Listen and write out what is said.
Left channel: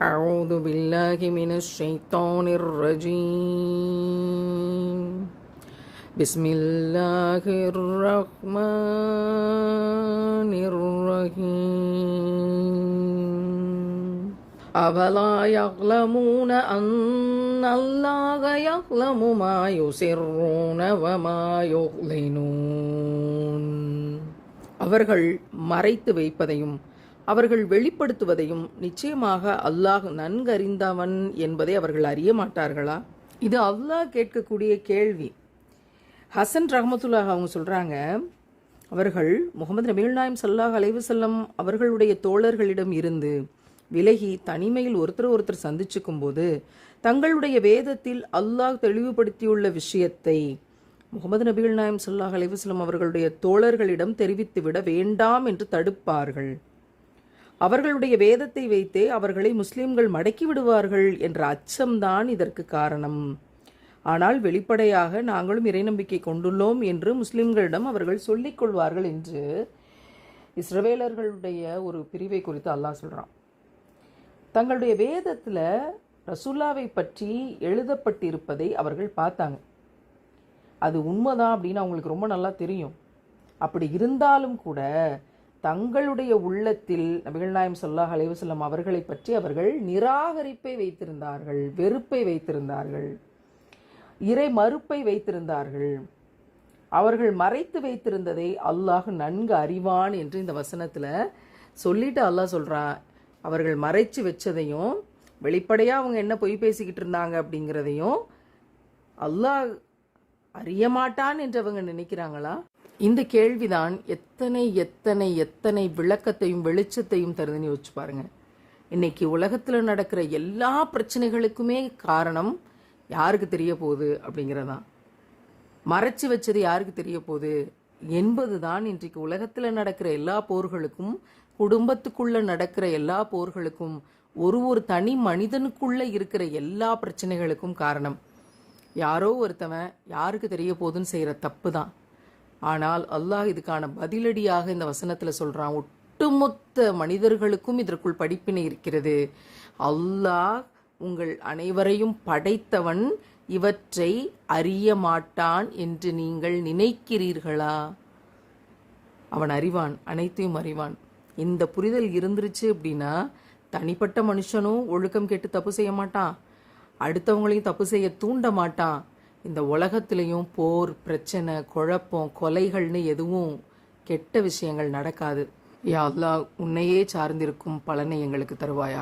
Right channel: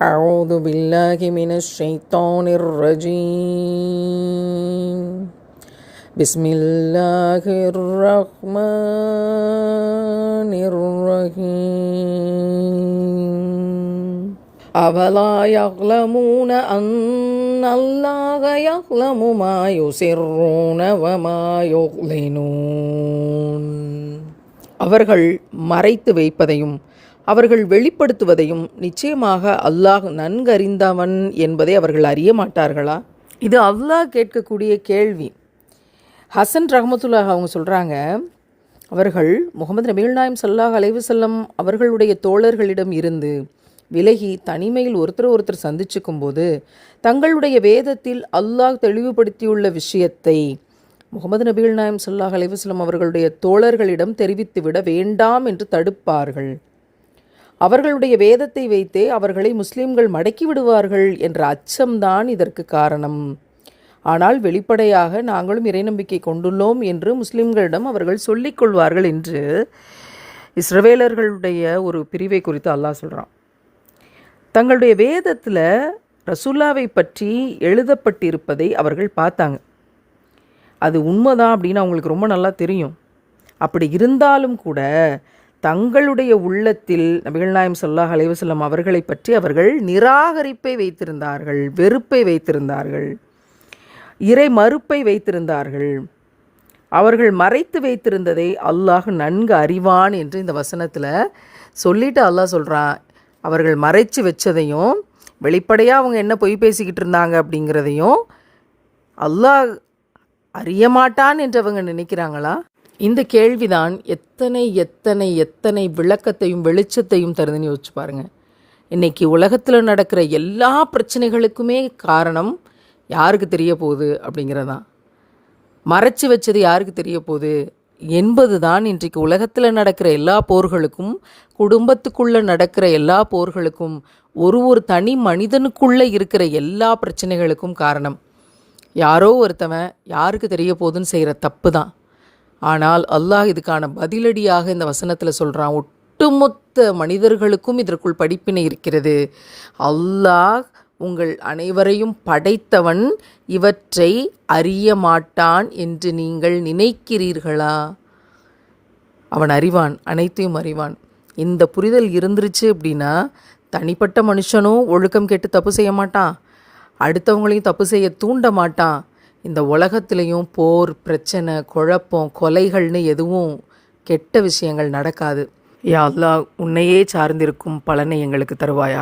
أعوذ بالله من الشيطان الرجيم بسم الله الرحمن الرحيم أفلا يعلمون أن الله يعلم ما يسرون وما يعلنون அவர்கள் மறைத்து வைப்பதையும் அவர்கள் வெளிப்படுத்துவதையும் நிச்சயமாக அல்லாஹ் நன்கறிந்தவன் என்பதை அவர்கள் அறிய மாட்டார்களா? இது அல்லாஹ் கேட்கக்கூடிய கேள்வி. ஹசன் ரஹமத்துல்லாஹ் அவங்க சொல்கிறாங்க, அவர்கள் முகமது நபிகள் நாயம் ஸல்லல்லாஹு அலைஹி வஸல்லம் அவர்களுடைய தோழர்களிடம் இருந்து விலகி தனிமையில் ஒருத்தர் சந்திச்சுக்கும் போது தங்களுடைய வேதத்தில் அல்லாஹ் தெளிவுபடுத்தியுள்ள விஷயத்தை முகமது நபிகள் நாயம் ஸல்லல்லாஹு அலைஹி வஸல்லம் அவர்களுடைய தோழர்களிடம் தெரிவித்துவிட வேண்டாம் என்று தடுப்பார்கள். அவர்களுடைய வேதத்தை வைத்தே அவர்களை முஸ்லிம்கள் மடக்கி விடுவார்கள் என்ற அச்சம்தான் இதற்கு காரணம். ஆனால் வெளிப்படையாக நாங்களும் இறைநம்பிக்கை கொண்டுள்ளோம் என்று முஸ்லிம்களிடம் அவர்கள் சொல்லிக் கொள்வார்கள் என்று இஸ்ரவேலர்களுடைய ஒரு பிரிவை குறித்து அல்லாஹ் சொல்கிறான். தங்களுடைய வேதத்தில் ரசூல்லாவை பற்றி எழுதப்பட்டிருப்பதை அவர்கள் பார்த்தாங்க. அது உண்மைதான் அப்படின்னு அவங்களுக்கு ரொம்ப நல்லா தெரியும். அப்படி இருந்தாலும் கூட தங்களுடைய உள்ளத்தில் நபிகள் நாயம் ஸல்லல்லாஹு அலைஹி வஸல்லம் அவர்களை பற்றி அவர்கள் நிராகரிப்பை வைத்திருந்தார்கள், வெறுப்பை வைத்திருந்தார்கள், இறை மறுப்பை வைத்திருந்தார்கள். அவர்கள் மறைத்து வைத்திருந்ததை அல்லாஹ் நன்கு அறிவான் என்று இந்த வசனத்தில் சொல்லிட்டு அல்லாஹ் சொல்கிறான். அவர்கள் மறைச்சு வச்சதையும் வெளிப்படையாக அவங்க என்ன பொய் பேசிக்கிட்டு இருந்தாங்க அப்படிங்கிறதையும் அல்லாஹ் அறிய மாட்டான் என்று அவங்க நினைக்கிறாங்களா? இந்த கேள்விதான் எத்தனை எத்தனை எத்தனை விளக்கத்தையும் வெளிச்சத்தையும் தருதுன்னு யோசிச்சு பாருங்கள். இன்றைக்கி உலகத்தில் நடக்கிற எல்லா பிரச்சனைகளுக்குமே காரணம் யாருக்கு தெரிய போகுது அப்படிங்கிறதான். மறைச்சி வச்சது யாருக்கு தெரிய போகுது என்பது தான் இன்றைக்கு உலகத்தில் நடக்கிற எல்லா போர்களுக்கும், குடும்பத்துக்குள்ளே நடக்கிற எல்லா போர்களுக்கும், ஒரு தனி மனிதனுக்குள்ளே இருக்கிற எல்லா பிரச்சனைகளுக்கும் காரணம். யாரோ ஒருத்தவன் யாருக்கு தெரிய போகுதுன்னு செய்கிற தப்பு தான். ஆனால் அல்லாஹ் இதுக்கான பதிலடியாக இந்த வசனத்தில் சொல்கிறான், ஒட்டுமொத்த மனிதர்களுக்கும் இதற்குள் படிப்பினை இருக்கிறது. அல்லாஹ் உங்கள் அனைவரையும் படைத்தவன், இவற்றை அறிய மாட்டான் என்று நீங்கள் நினைக்கிறீர்களா? அவன் அறிவான், அனைத்தையும் அறிவான். இந்த புரிதல் இருந்துருச்சு அப்படின்னா தனிப்பட்ட மனுஷனும் ஒழுக்கம் கெட்டு தப்பு செய்ய மாட்டான், அடுத்தவங்களையும் தப்பு செய்ய தூண்ட மாட்டான். இந்த உலகத்திலையும் போர், பிரச்சனை, குழப்பம், கொலைகள்னு எதுவும் கெட்ட விஷயங்கள் நடக்காது. யா அல்லாஹ், உன்னையே சார்ந்திருக்கும் பலனை எங்களுக்கு தருவாயா.